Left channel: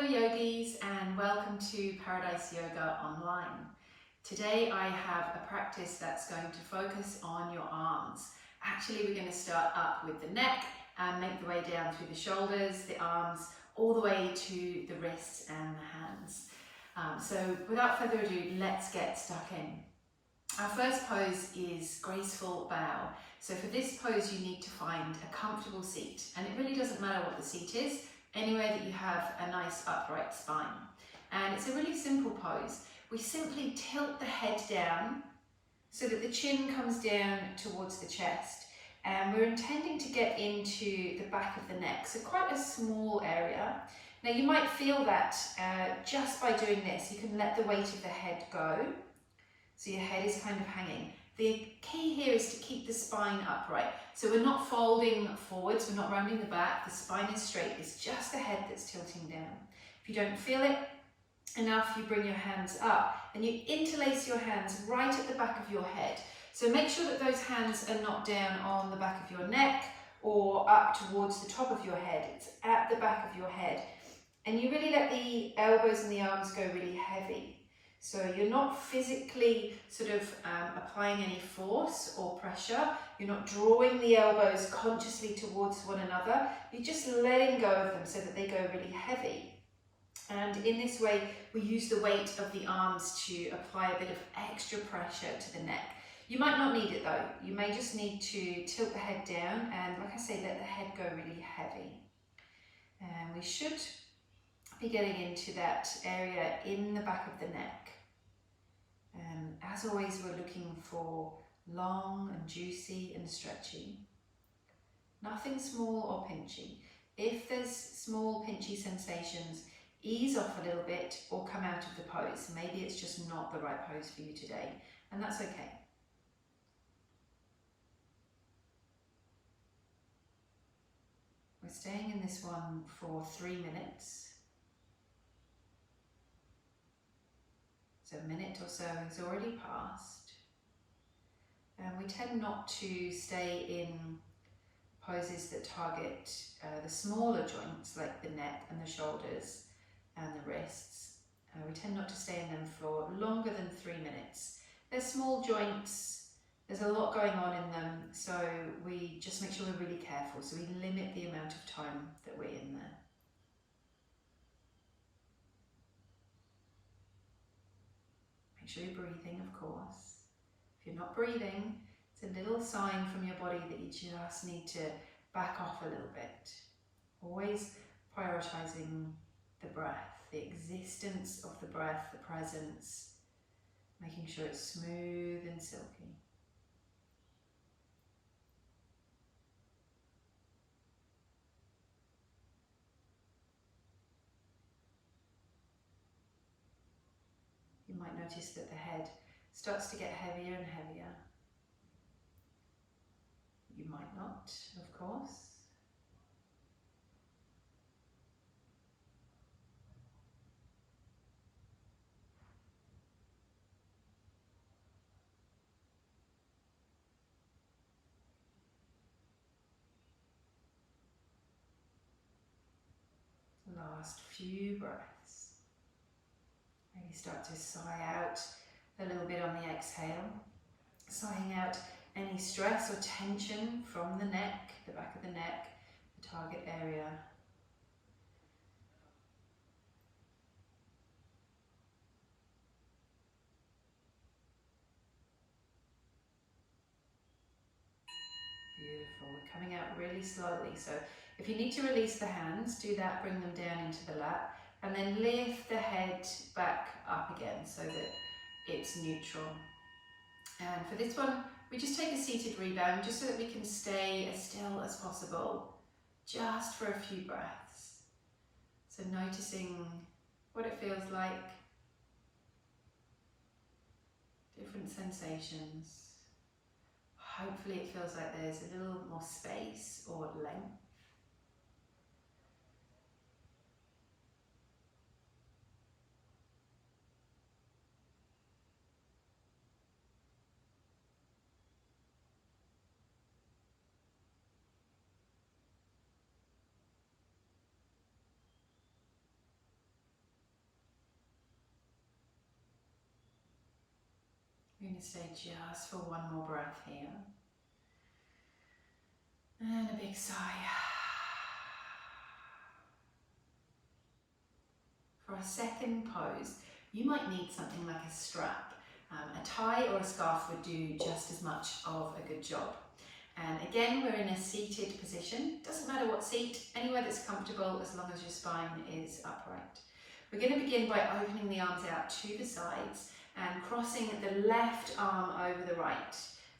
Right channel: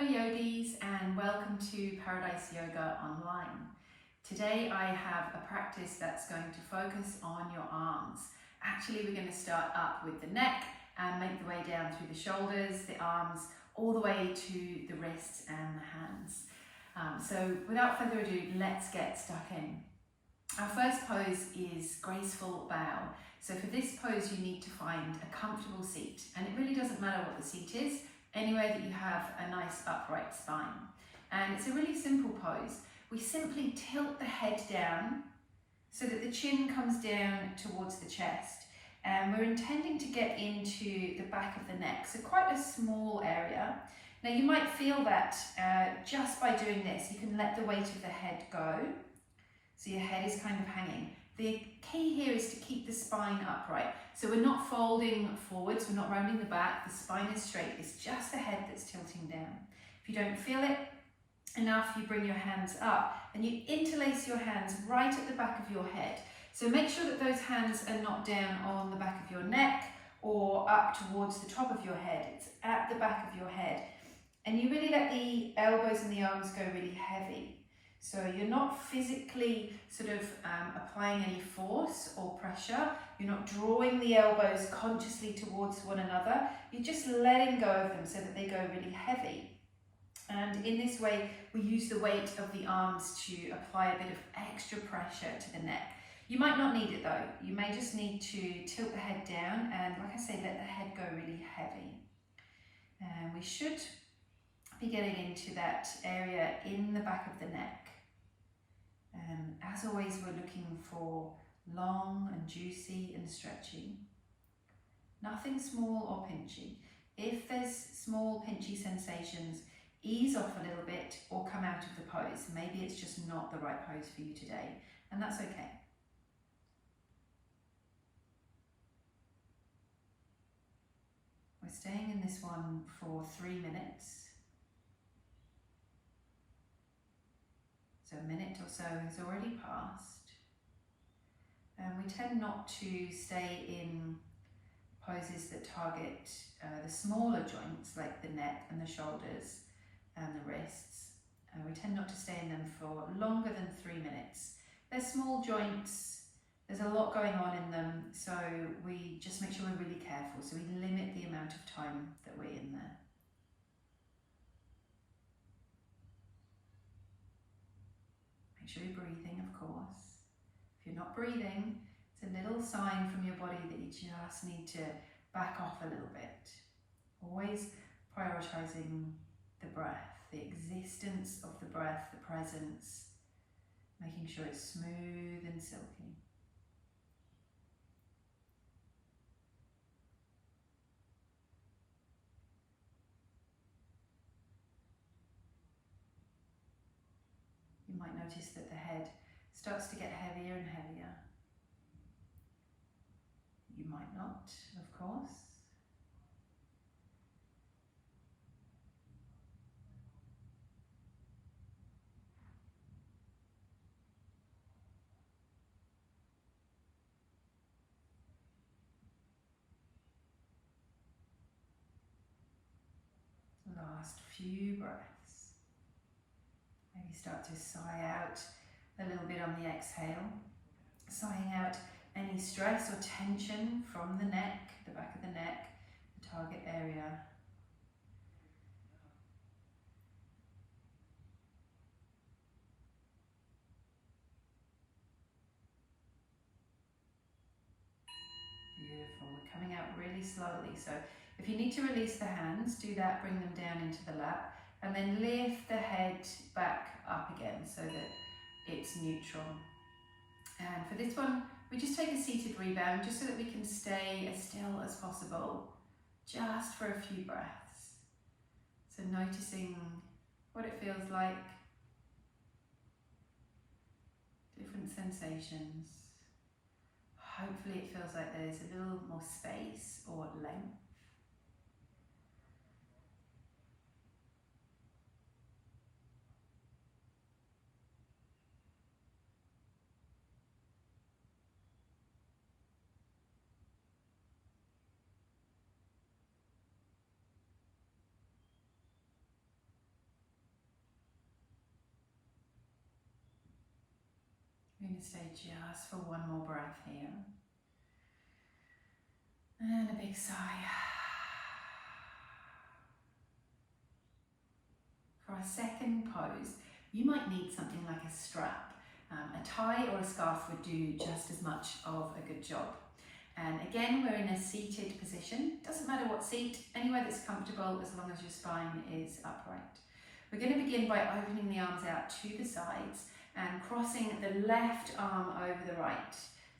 Hello yogis and welcome to Paradise Yoga Online. Today I have a practice that's going to focus on your arms. Actually, we're going to start up with the neck and make the way down through the shoulders, the arms, all the way to the wrists and the hands. So without further ado, let's get stuck in. Our first pose is graceful bow. So for this pose, you need to find a comfortable seat, and it really doesn't matter what the seat is, anywhere that you have a nice upright spine. And it's a really simple pose. We simply tilt the head down so that the chin comes down towards the chest, and we're intending to get into the back of the neck, so quite a small area. Now you might feel that just by doing this, you can let the weight of the head go, so your head is kind of hanging. The key here is to keep the spine upright. So we're not folding forwards, we're not rounding the back, the spine is straight, it's just the head that's tilting down. If you don't feel it enough, you bring your hands up and you interlace your hands right at the back of your head. So make sure that those hands are not down on the back of your neck or up towards the top of your head, it's at the back of your head. And you really let the elbows and the arms go really heavy. So you're not physically sort of applying any force or pressure. You're not drawing the elbows consciously towards one another. You're just letting go of them so that they go really heavy. And in this way, we use the weight of the arms to apply a bit of extra pressure to the neck. You might not need it though. You may just need to tilt the head down and, like I say, let the head go really heavy. And we should be getting into that area in the back of the neck. As always, we're looking for long and juicy and stretchy. Nothing small or pinchy. If there's small pinchy sensations, ease off a little bit or come out of the pose. Maybe it's just not the right pose for you today, and that's okay. We're staying in this one for 3 minutes. So a minute or so has already passed. And we tend not to stay in poses that target the smaller joints like the neck and the shoulders and the wrists. We tend not to stay in them for longer than 3 minutes. They're small joints, there's a lot going on in them, so we just make sure we're really careful. So we limit the amount of time that we're in there. Make sure you're breathing, of course. If you're not breathing, it's a little sign from your body that you just need to back off a little bit. Always prioritizing the breath, the existence of the breath, the presence, making sure it's smooth and silky. You might notice that the head starts to get heavier and heavier. You might not, of course. Last few breaths. Maybe start to sigh out a little bit on the exhale, sighing out any stress or tension from the neck, the back of the neck, the target area. Beautiful. We're coming out really slowly. So if you need to release the hands, do that, bring them down into the lap, and then lift the head back up again so that it's neutral. And for this one, we just take a seated rebound just so that we can stay as still as possible, just for a few breaths. So noticing what it feels like, different sensations. Hopefully it feels like there's a little more space or length. going to stay just for one more breath here. And a big sigh. For our second pose, you might need something like a strap. A tie or a scarf would do just as much of a good job. And again, we're in a seated position. Doesn't matter what seat, anywhere that's comfortable as long as your spine is upright. We're going to begin by opening the arms out to the sides and crossing the left arm over the right.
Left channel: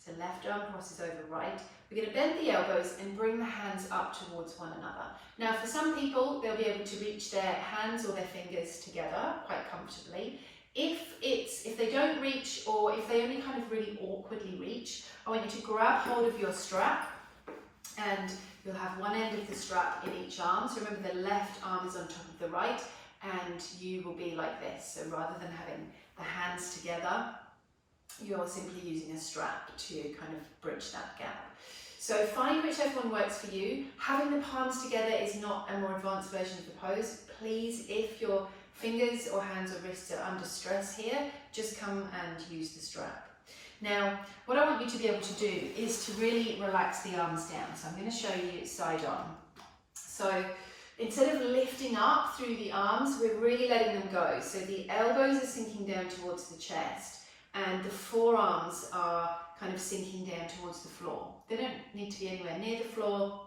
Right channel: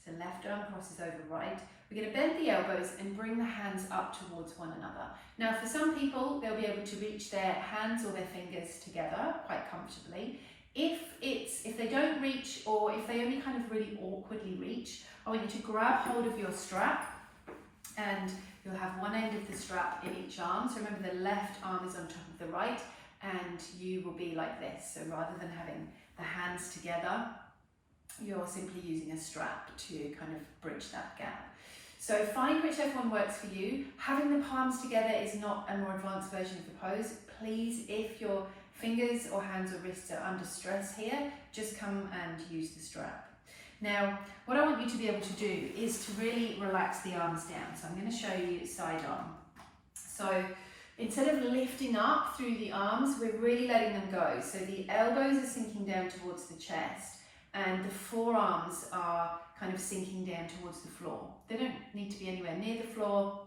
So left arm crosses over right. We're going to bend the elbows and bring the hands up towards one another. Now for some people, they'll be able to reach their hands or their fingers together quite comfortably. If they don't reach, or if they only kind of really awkwardly reach, I want you to grab hold of your strap, and you'll have one end of the strap in each arm. So remember, the left arm is on top of the right, and you will be like this. So rather than having the hands together, you're simply using a strap to kind of bridge that gap. So find whichever one works for you. Having the palms together is not a more advanced version of the pose. Please, if your fingers or hands or wrists are under stress here, just come and use the strap. Now, what I want you to be able to do is to really relax the arms down. So I'm going to show you side on. So instead of lifting up through the arms, we're really letting them go. So the elbows are sinking down towards the chest and the forearms are kind of sinking down towards the floor. They don't need to be anywhere near the floor.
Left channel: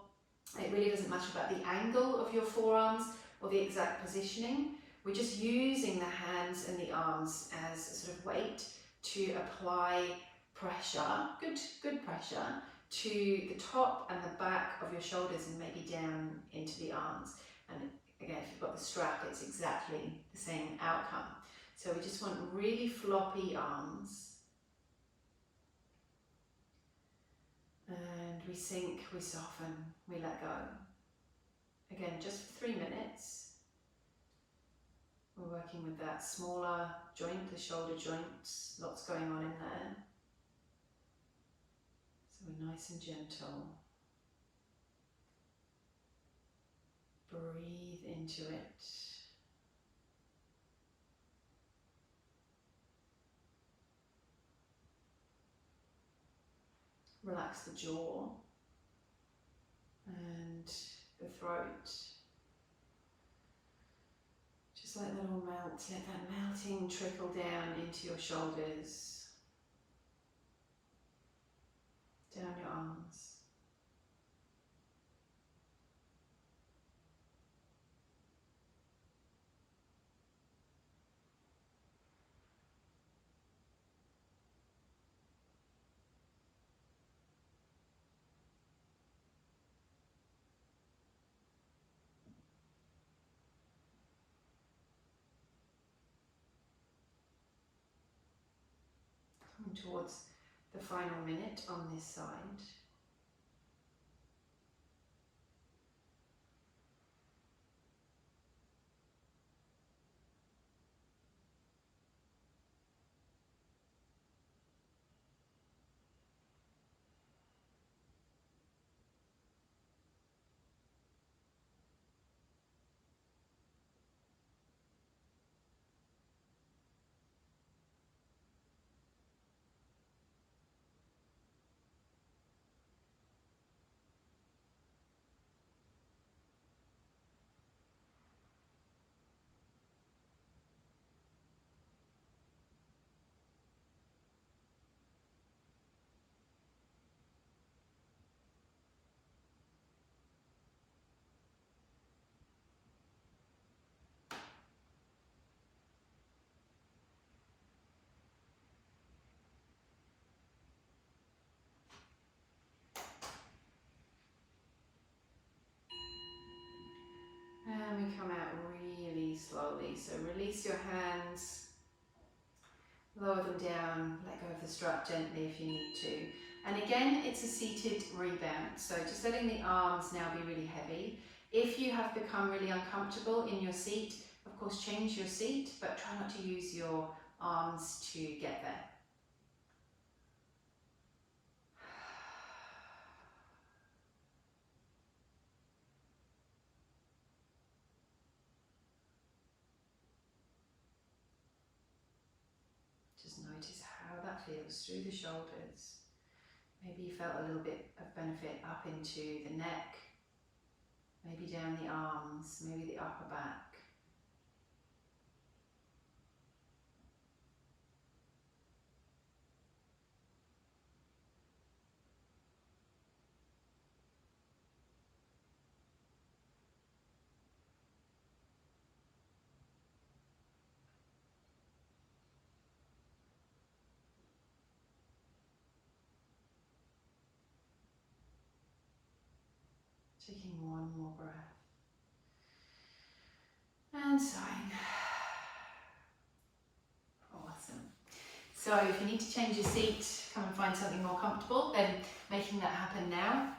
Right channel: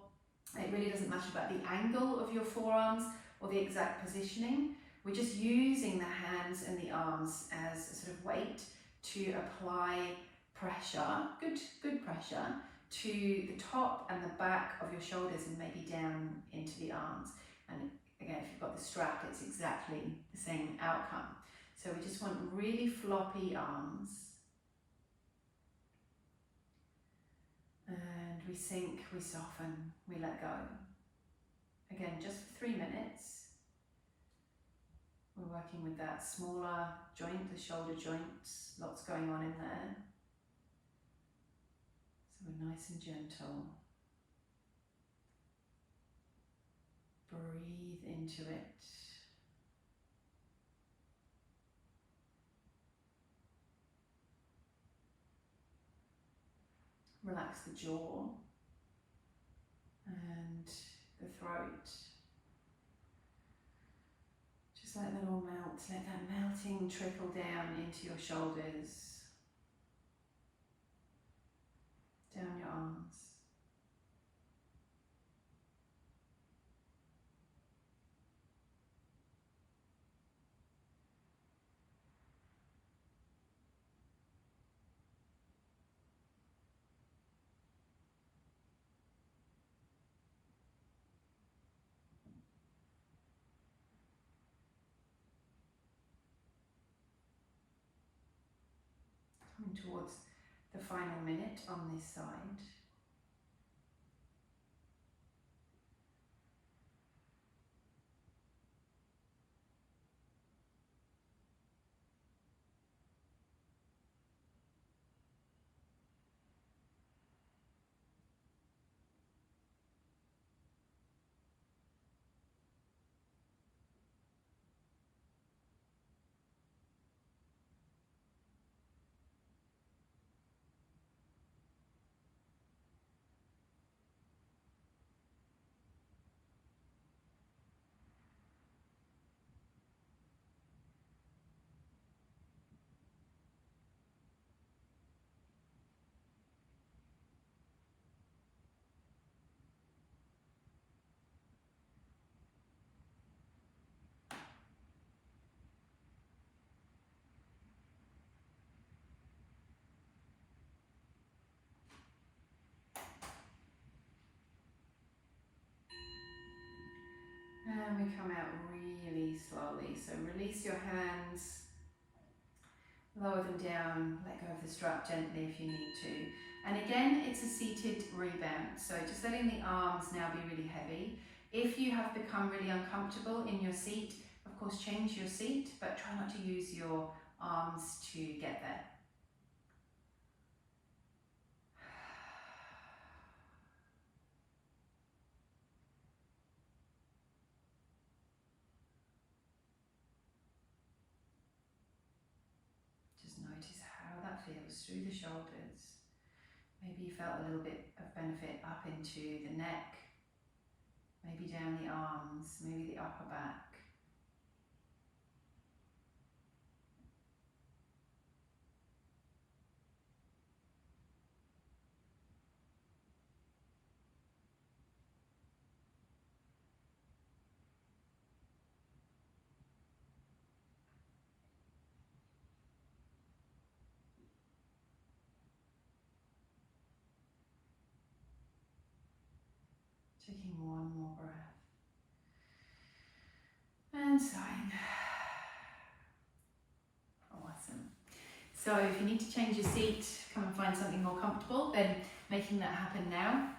It really doesn't matter about the angle of your forearms or the exact positioning. We're just using the hands and the arms as a sort of weight to apply pressure, good pressure, to the top and the back of your shoulders and maybe down into the arms. And again, if you've got the strap, it's exactly the same outcome. So we just want really floppy arms. And we sink, we soften, we let go. Again, just for 3 minutes. We're working with that smaller joint, the shoulder joints, lots going on in there. So we're nice and gentle. Breathe into it. Relax the jaw and the throat. Just let that all melt, let that melting trickle down into your shoulders, down your arms. Coming towards the final minute on this side. And we come out really slowly. So release your hands, lower them down, let go of the strap gently if you need to. And again, it's a seated rebound. So just letting the arms now be really heavy. If you have become really uncomfortable in your seat, of course, change your seat, but try not to use your arms to get there. Just notice how that feels. feels through the shoulders. Maybe you felt a little bit of benefit up into the neck, maybe down the arms, maybe the upper back. Taking one more breath. And sighing. Awesome. So if you need to change your seat, come and find something more comfortable, then making that happen now.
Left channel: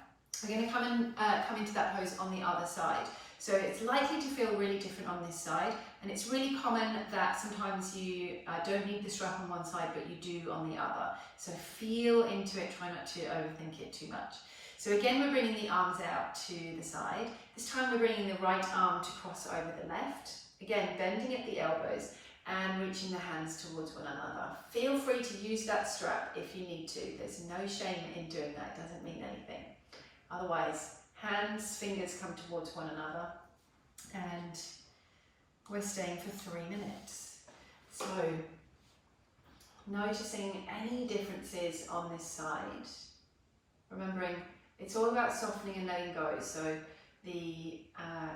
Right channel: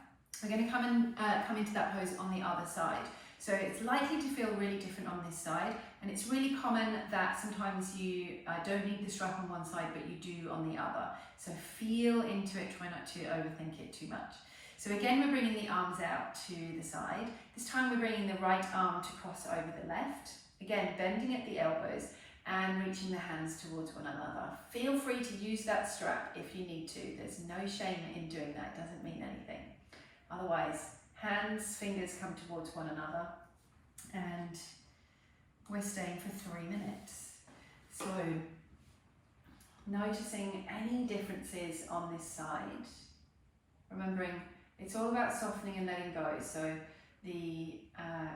We're going to come into that pose on the other side. So it's likely to feel really different on this side, and it's really common that sometimes you don't need the strap on one side, but you do on the other. So feel into it, try not to overthink it too much. So again, we're bringing the arms out to the side. This time we're bringing the right arm to cross over the left. Again, bending at the elbows and reaching the hands towards one another. Feel free to use that strap if you need to. There's no shame in doing that, it doesn't mean anything. Otherwise, hands, fingers come towards one another, and we're staying for 3 minutes. So, noticing any differences on this side, remembering it's all about softening and letting go. So the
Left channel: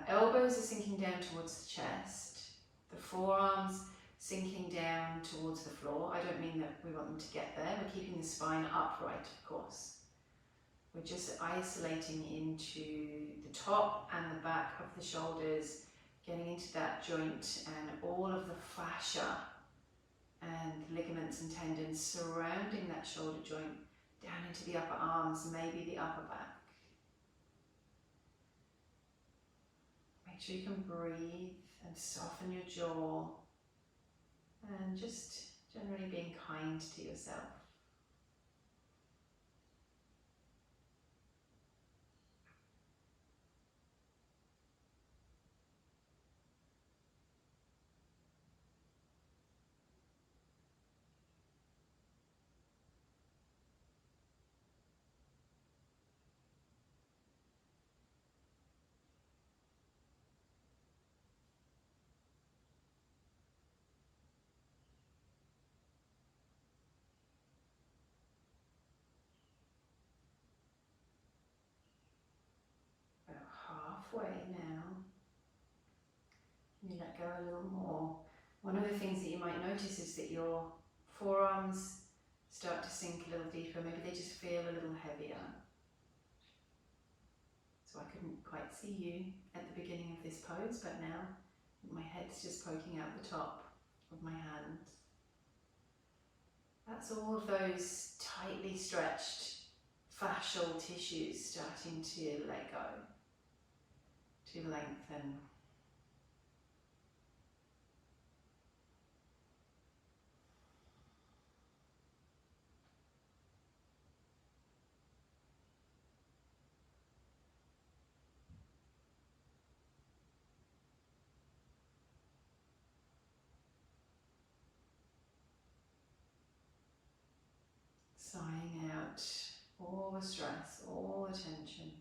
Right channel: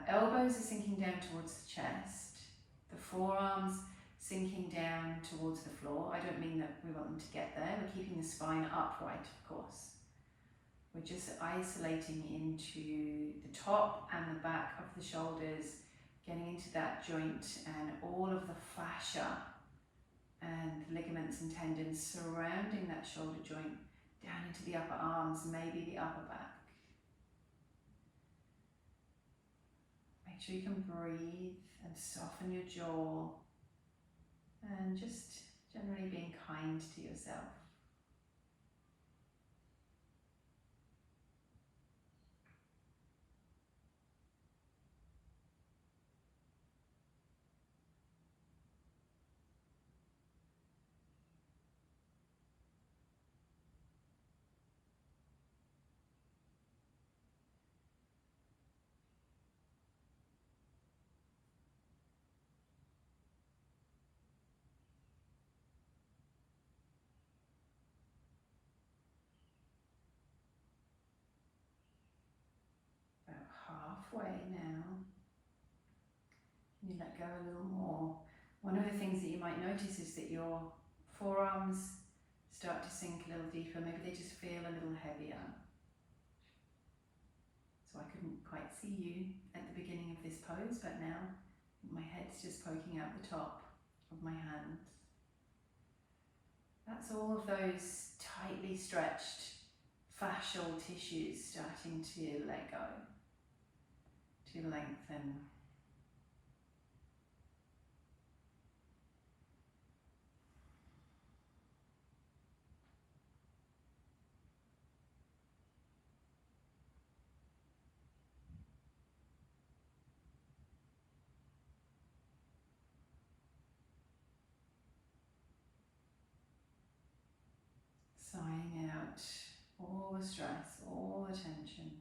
elbows are sinking down towards the chest, the forearms sinking down towards the floor. I don't mean that we want them to get there, we're keeping the spine upright, of course. We're just isolating into the top and the back of the shoulders, getting into that joint and all of the fascia and ligaments and tendons surrounding that shoulder joint down into the upper arms, maybe the upper back. Make sure you can breathe and soften your jaw, and just generally being kind to yourself. Halfway now. You let go a little more. One of the things that you might notice is that your forearms start to sink a little deeper. Maybe they just feel a little heavier. So I couldn't quite see you at the beginning of this pose, but now my head's just poking out the top of my hand. That's all of those tightly stretched fascial tissues starting to let go, to lengthen. Sighing out all the stress, all the tension.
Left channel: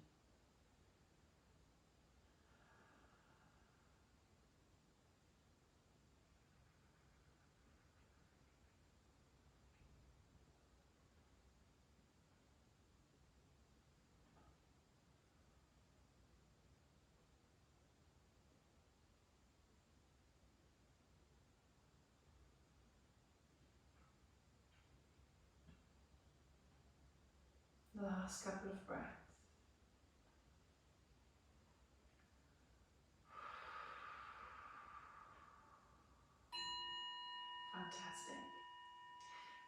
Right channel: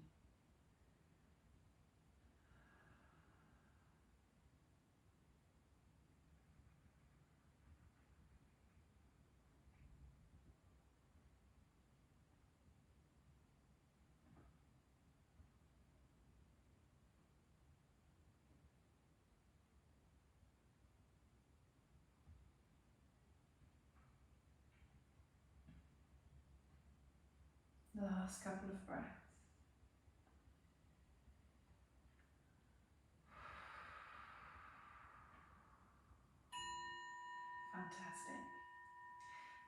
Last couple of breaths. Fantastic.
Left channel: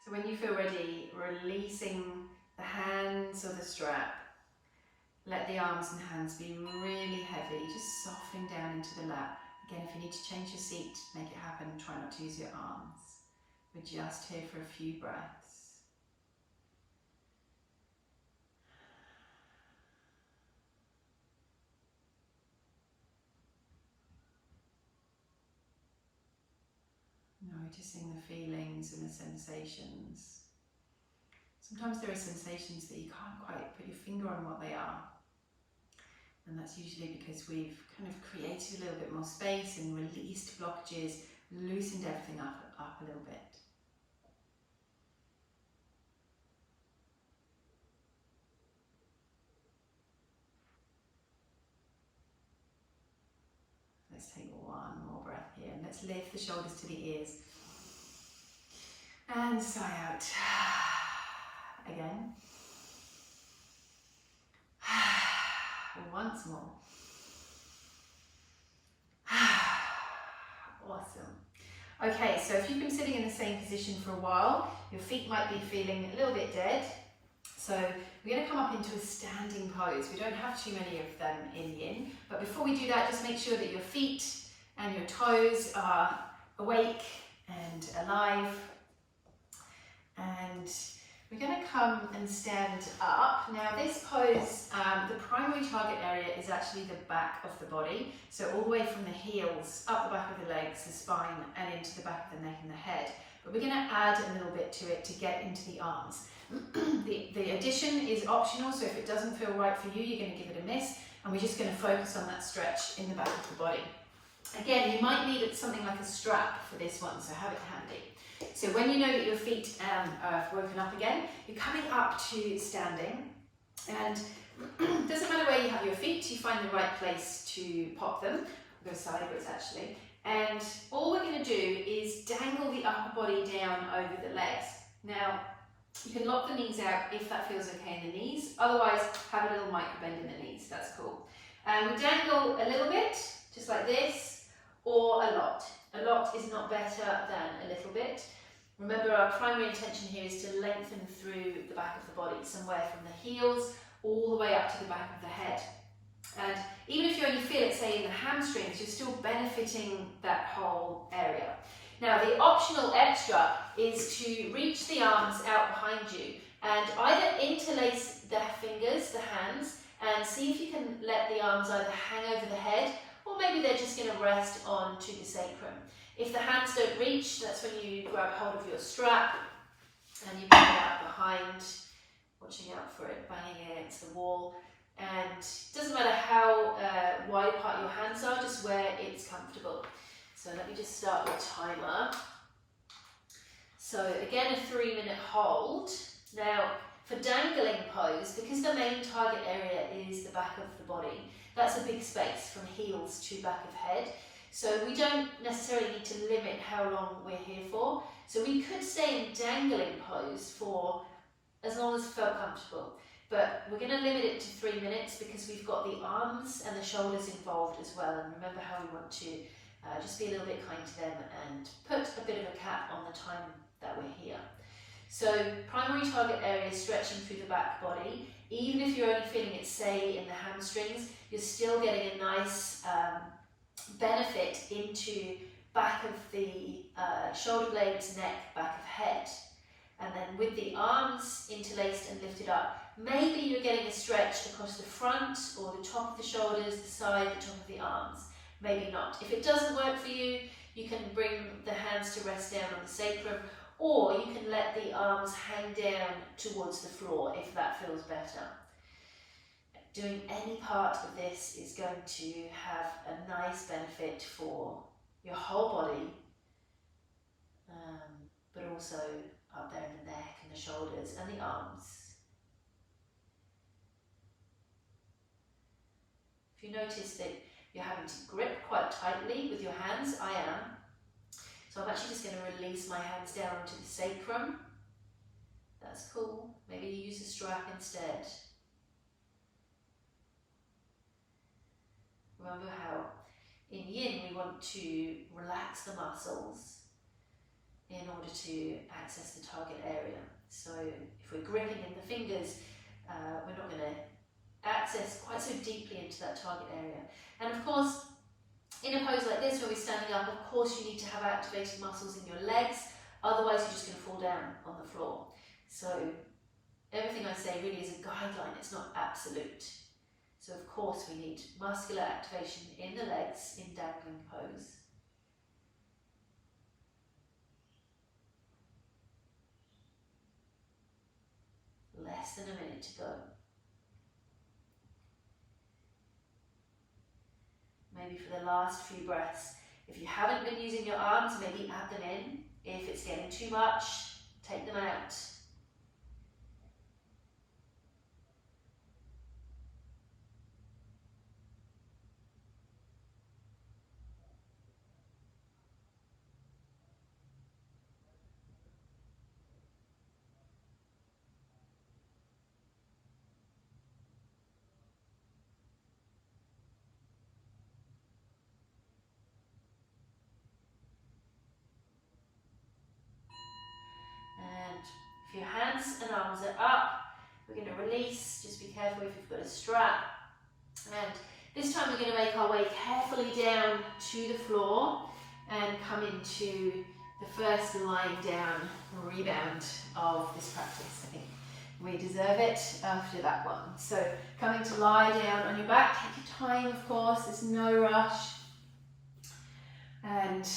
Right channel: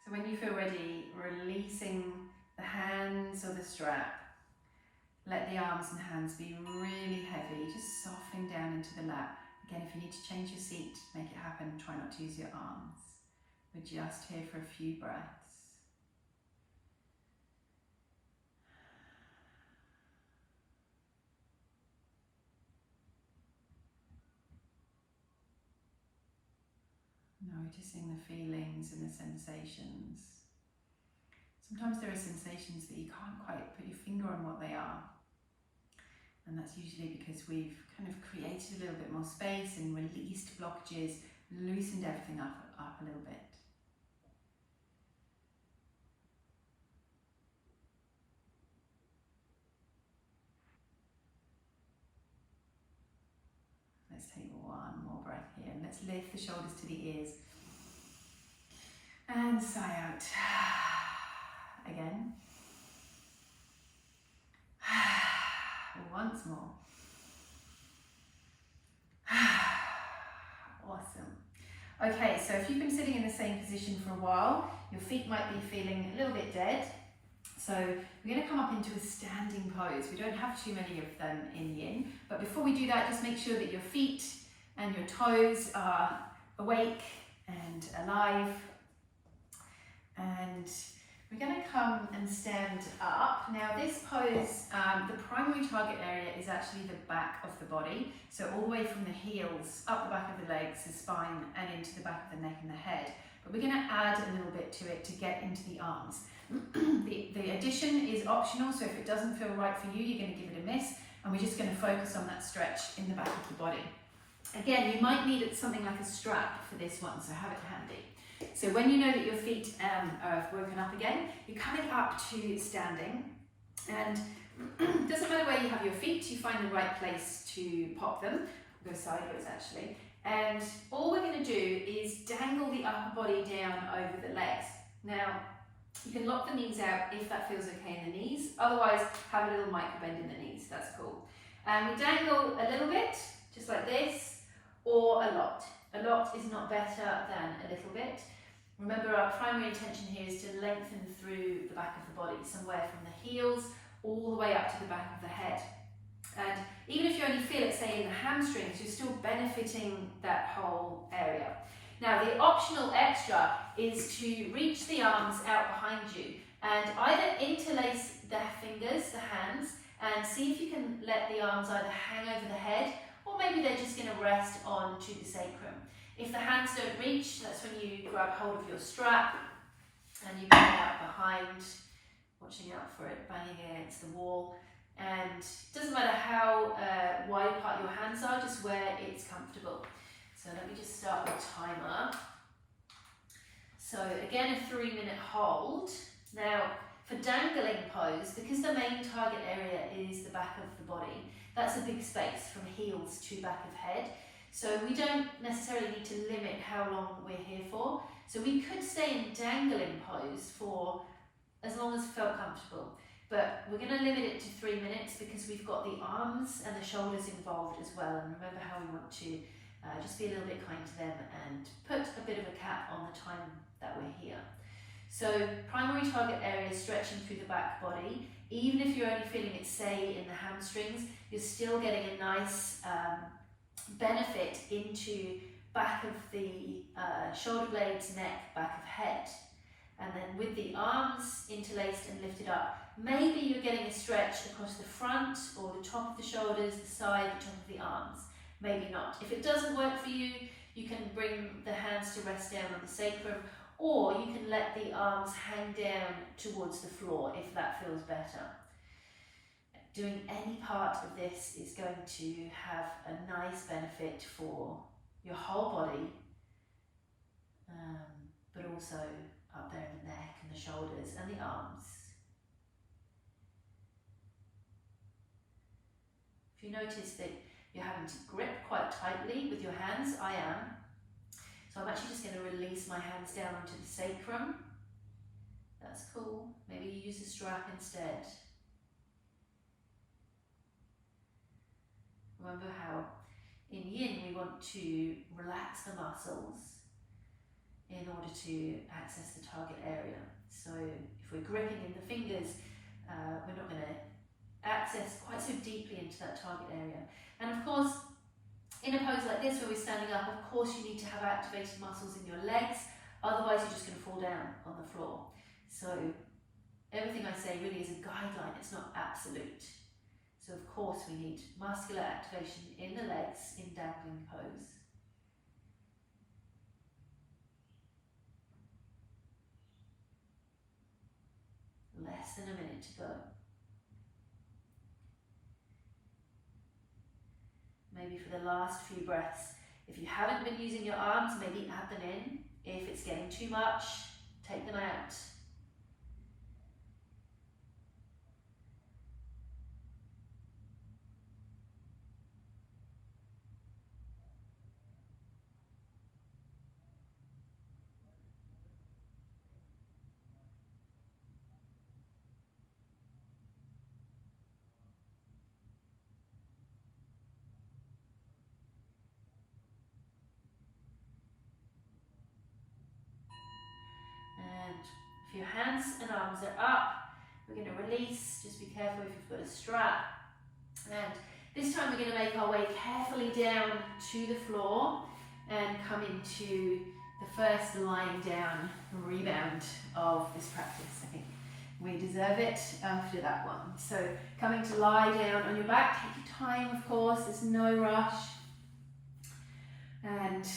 So when you feel ready, releasing the hands or the strap, let the arms and hands be really heavy, just softening down into the lap. Again, if you need to change your seat, make it happen. Try not to use your arms. We're just here for a few breaths. Noticing the feelings and the sensations. Sometimes there are sensations that you can't quite put your finger on what they are. And that's usually because we've kind of created a little bit more space and released blockages, loosened everything up a little bit. Let's take one more breath here and let's lift the shoulders to the ears. And sigh out. Again. Once more. Awesome. Okay, so if you've been sitting in the same position for a while, your feet might be feeling a little bit dead. So we're going to come up into a standing pose. We don't have too many of them in yin, but before we do that, just make sure that your feet and your toes are awake and alive. And we're going to come and stand up. Now this pose, the primary target area is actually the back of the body. So all the way from the heels, up the back of the legs, the spine, and into the back of the neck and the head. But we're going to add a little bit to it to get into the arms. The addition is optional, so if it doesn't feel right for you, you're going to give it a miss. And we're just going to focus on that stretch in the back of the body. Again, you might need something like a strap for this one, so have it handy. So when you know that your feet are woken up again, you're coming up to standing, and it doesn't matter where you have your feet, you find the right place to pop them. We'll go sideways actually. And all we're going to do is dangle the upper body down over the legs. Now, you can lock the knees out if that feels okay in the knees. Otherwise, have a little micro bend in the knees. That's cool. And we dangle a little bit, just like this, or a lot. A lot is not better than a little bit. Remember, our primary intention here is to lengthen through the back of the body, somewhere from the heels all the way up to the back of the head. And even if you only feel it, say, in the hamstrings, you're still benefiting that whole area. Now, the optional extra is to reach the arms out behind you and either interlace the fingers, the hands, and see if you can let the arms either hang over the head, or maybe they're just going to rest onto the sacrum. If the hands don't reach, that's when you grab hold of your strap and you bring it out behind, watching out for it banging against the wall. And it doesn't matter how wide apart your hands are, just where it's comfortable. So let me just start the timer. So again, a 3-minute hold. Now, for dangling pose, because the main target area is the back of the body, that's a big space from heels to back of head. So we don't necessarily need to limit how long we're here for. So we could stay in dangling pose for as long as it felt comfortable. But we're going to limit it to 3 minutes because we've got the arms and the shoulders involved as well. And remember how we want to just be a little bit kind to them and put a bit of a cap on the time that we're here. So primary target area is stretching through the back body. Even if you're only feeling it, say, in the hamstrings, you're still getting a nice benefit into back of the shoulder blades, neck, back of head. And then with the arms interlaced and lifted up, maybe you're getting a stretch across the front or the top of the shoulders, the side, the top of the arms. Maybe not. If it doesn't work for you, you can bring the hands to rest down on the sacrum, or you can let the arms hang down towards the floor if that feels better. Doing any part of this is going to have a nice benefit for your whole body, but also up there in the neck and the shoulders and the arms. If you notice that you're having to grip quite tightly with your hands, I am. So I'm actually just going to release my hands down onto the sacrum. That's cool. Maybe you use a strap instead. Remember how in yin we want to relax the muscles in order to access the target area. So if we're gripping in the fingers, we're not going to access quite so deeply into that target area. And of course, in a pose like this where we're standing up, of course you need to have activated muscles in your legs, otherwise you're just going to fall down on the floor. So everything I say really is a guideline, it's not absolute. So of course we need muscular activation in the legs in dangling pose. to go. Maybe for the last few breaths, if you haven't been using your arms, maybe add them in. If it's getting too much, take them out. And if your hands and arms are up, we're going to release. Just be careful if you've got a strap. And this time we're going to make our way carefully down to the floor and come into the first lying down rebound of this practice. I think we deserve it after that one. So coming to lie down on your back, take your time, of course, there's no rush. And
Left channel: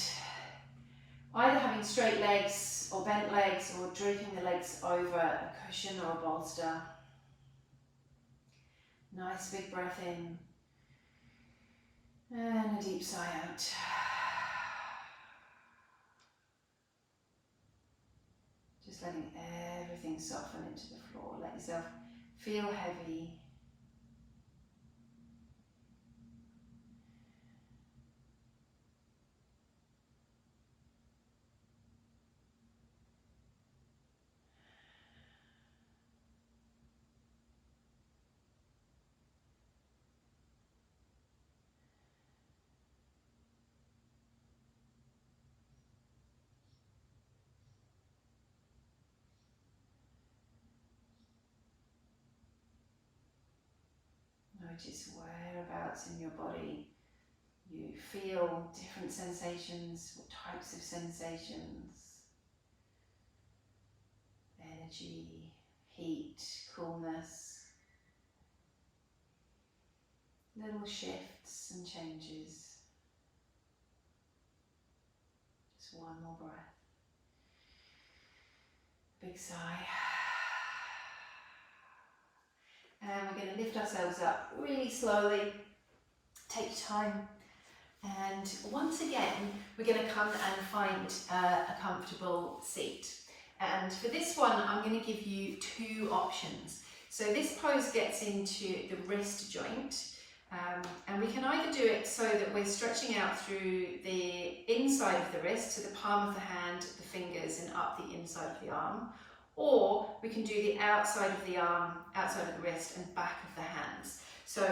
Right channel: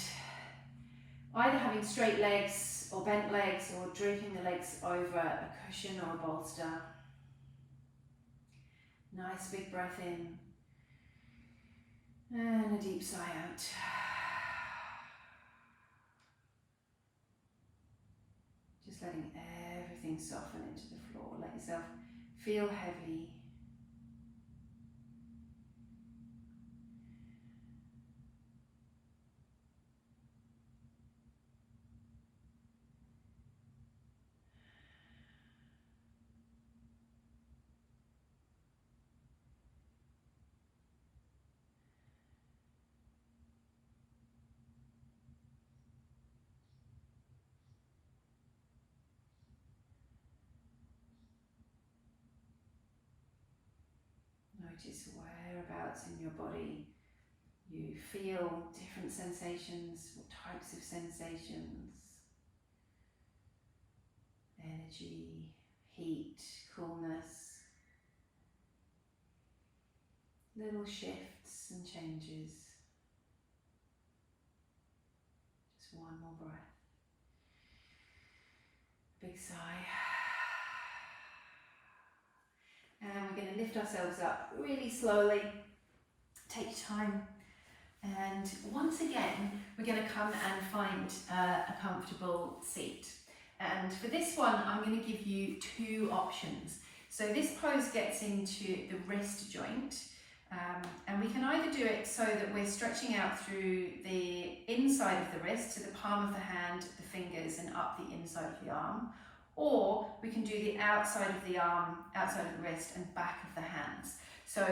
either having straight legs or bent legs or drooping the legs over a cushion or a bolster. Nice big breath in and a deep sigh out. Just letting everything soften into the floor. Let yourself feel heavy. Notice whereabouts in your body you feel different sensations, what types of sensations, energy, heat, coolness, little shifts and changes. Just one more breath. Big sigh. And we're going to lift ourselves up really slowly. Take your time. And once again, we're going to come and find a comfortable seat. And for this one, I'm going to give you two options. So this pose gets into the wrist joint. And we can either do it so that we're stretching out through the inside of the wrist to the palm of the hand, the fingers, and up the inside of the arm. Or we can do the outside of the arm, outside of the wrist, and back of the hands. So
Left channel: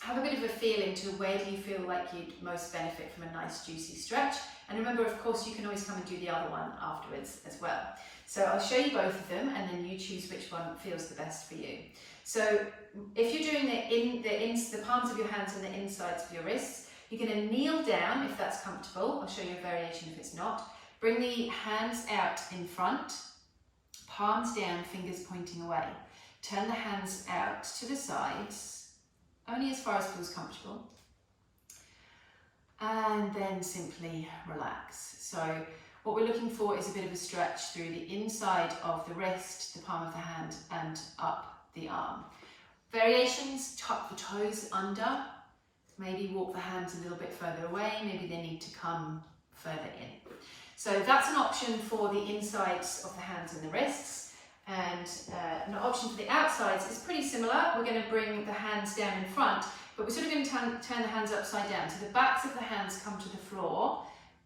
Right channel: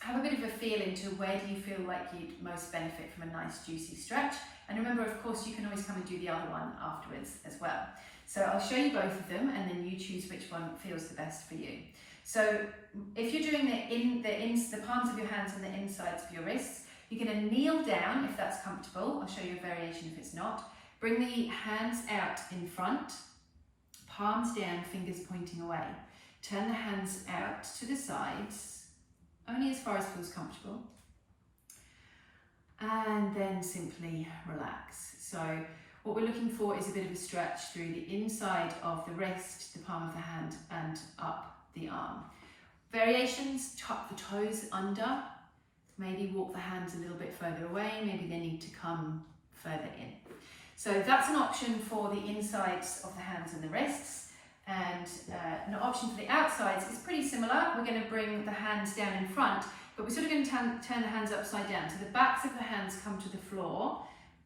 have a bit of a feel into where do you feel like you'd most benefit from a nice juicy stretch. And remember, of course, you can always come and do the other one afterwards as well. So I'll show you both of them and then you choose which one feels the best for you. So if you're doing the palms of your hands and the insides of your wrists, you're going to kneel down if that's comfortable. I'll show you a variation if it's not. Bring the hands out in front, palms down, fingers pointing away. Turn the hands out to the sides, only as far as feels comfortable. And then simply relax. So what we're looking for is a bit of a stretch through the inside of the wrist, the palm of the hand, and up the arm. Variations: tuck the toes under, maybe walk the hands a little bit further away, maybe they need to come further in. So that's an option for the insides of the hands and the wrists. And an option for the outsides is pretty similar. We're going to bring the hands down in front, but we're sort of going to turn the hands upside down. So the backs of the hands come to the floor,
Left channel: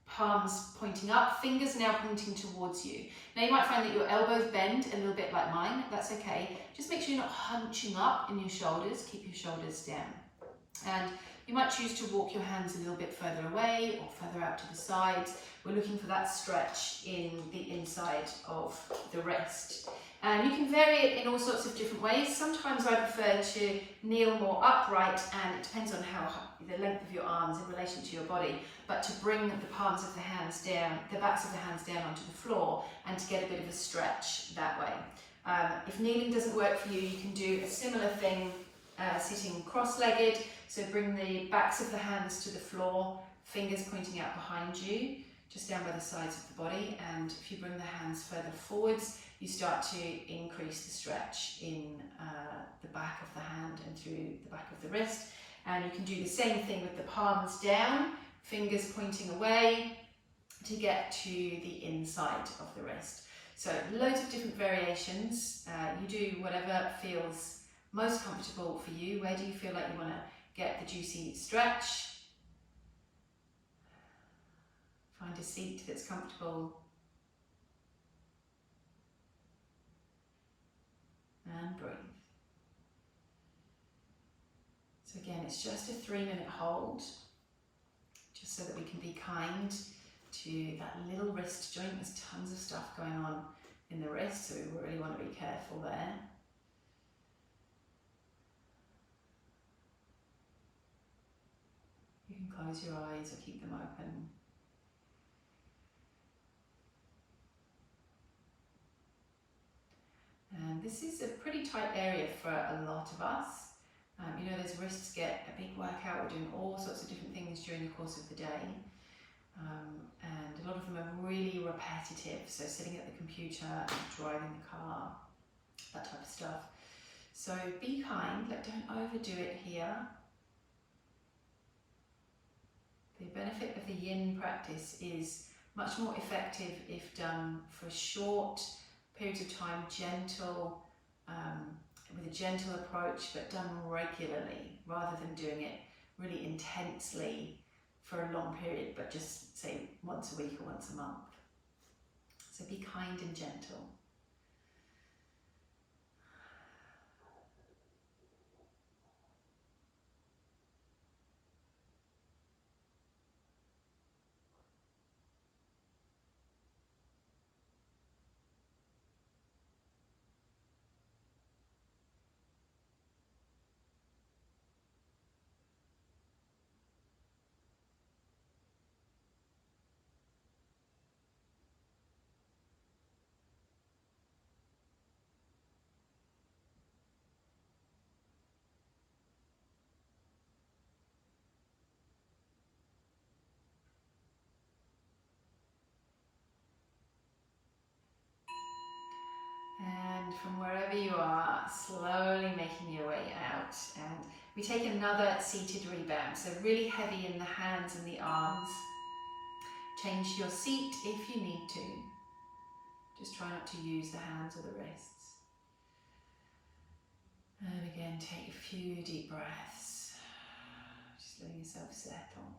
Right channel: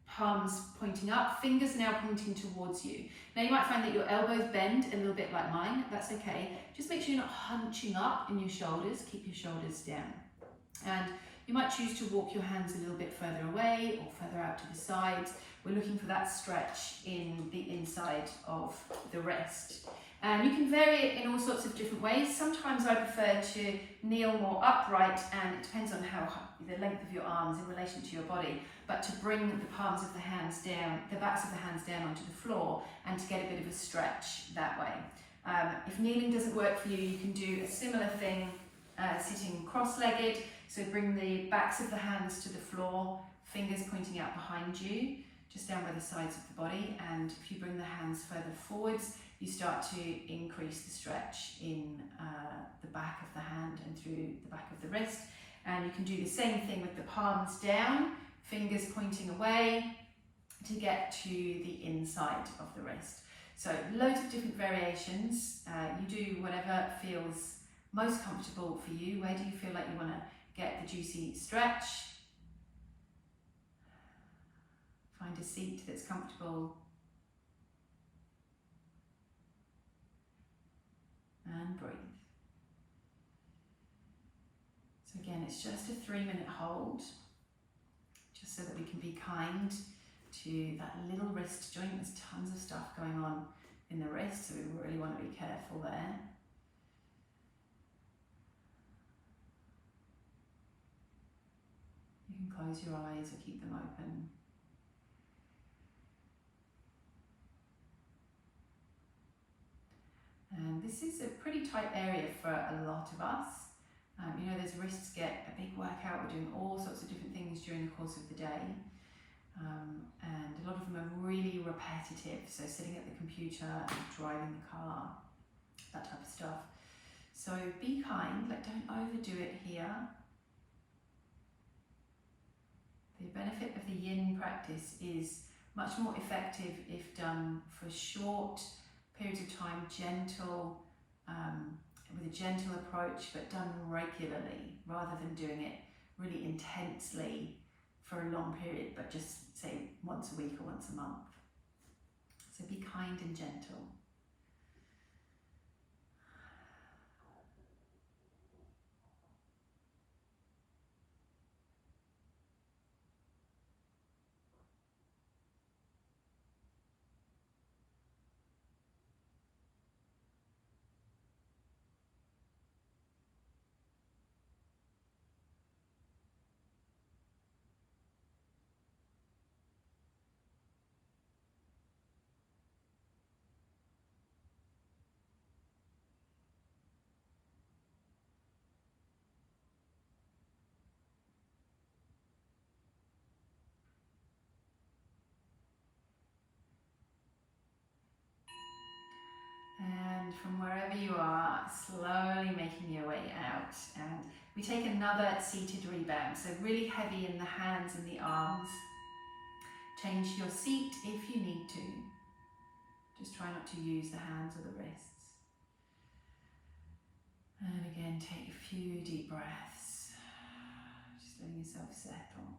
palms pointing up, fingers now pointing towards you. Now you might find that your elbows bend a little bit like mine. That's okay. Just make sure you're not hunching up in your shoulders. Keep your shoulders down. And you might choose to walk your hands a little bit further away or further out to the sides. We're looking for that stretch in the inside of the wrist. And you can vary it in all sorts of different ways. Sometimes I prefer to kneel more upright, and it depends on the length of your arms in relation to your body, but to bring the palms of the hands down, the backs of the hands down onto the floor, and to get a bit of a stretch that way. If kneeling doesn't work for you, you can do a similar thing sitting cross-legged. So bring the backs of the hands to the floor, fingers pointing out behind you, just down by the sides of the body. And if you bring the hands further forwards, you start to increase the stretch in the back of the hand and through the back of the wrist. And you can do the same thing with the palms down, fingers pointing away to get to the inside of the wrist. So loads of different variations. You do whatever feels most comfortable for you. Where do you feel like you want to get the juicy stretch? Find a seat that's comfortable. And breathe. So again, it's just a 3-minute hold, just so that we can be kind to that little wrist joint. There's tons of stuff going on in the wrist, so we really want to be careful there. You can close your eyes or keep them open. And this is a pretty tight area for a lot of us. You know, those wrists get a big workout. We're doing all sorts of different things during the course of the day. And a lot of them are really repetitive. So sitting at the computer and driving the car, that type of stuff. So be kind, like don't overdo it here. The benefit of the yin practice is much more effective if done for short periods of time, gentle, with a gentle approach, but done regularly, rather than doing it really intensely for a long period, but just say once a week or once a month. So be kind and gentle. And from wherever you are, slowly making your way out. And we take another seated rebound. So really heavy in the hands and the arms. Change your seat if you need to. Just try not to use the hands or the wrists. And again, take a few deep breaths. Just letting yourself settle.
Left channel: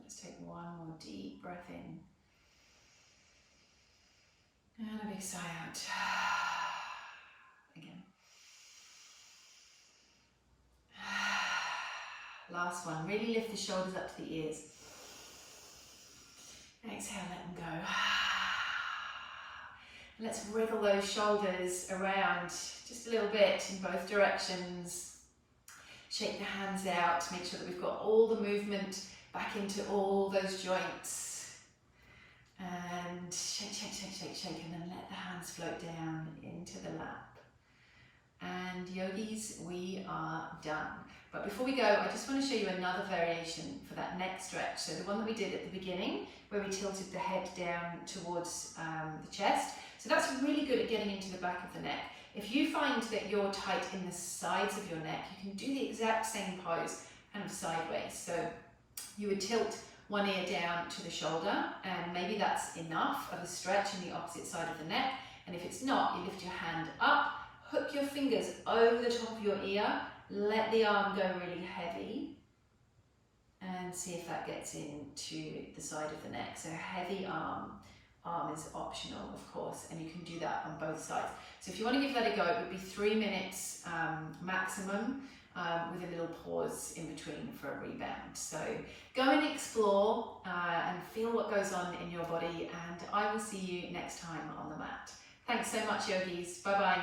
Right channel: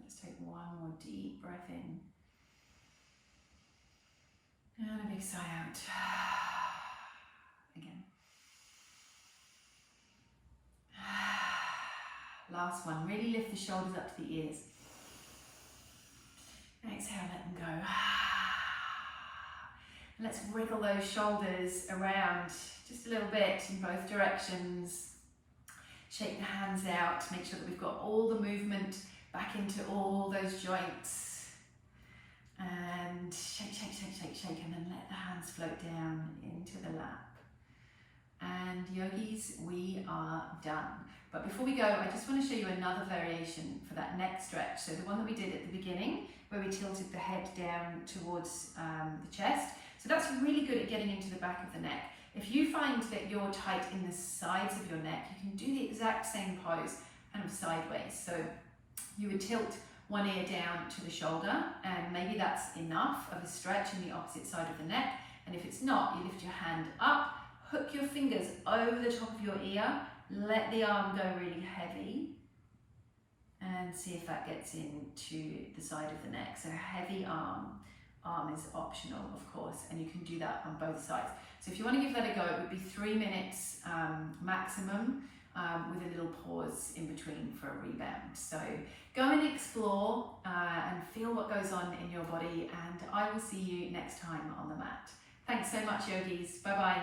Let's take one more deep breath in. And a big sigh out. Again. Last one. Really lift the shoulders up to the ears. Exhale, let them go. Let's wriggle those shoulders around just a little bit in both directions. Shake the hands out. Make sure that we've got all the movement back into all those joints. And shake, shake, shake, shake, shake, and then let the hands float down into the lap. And yogis, we are done. But before we go, I just want to show you another variation for that neck stretch. So the one that we did at the beginning, where we tilted the head down towards the chest. So that's really good at getting into the back of the neck. If you find that you're tight in the sides of your neck, you can do the exact same pose, kind of sideways. So you would tilt one ear down to the shoulder, and maybe that's enough of a stretch in the opposite side of the neck. And if it's not, you lift your hand up, hook your fingers over the top of your ear, let the arm go really heavy, and see if that gets into the side of the neck. So heavy arm is optional, of course, and you can do that on both sides. So if you want to give that a go, it would be 3 minutes maximum. with a little pause in between for a rebound. So go and explore and feel what goes on in your body, and I will see you next time on the mat. Thanks so much, yogis. Bye bye.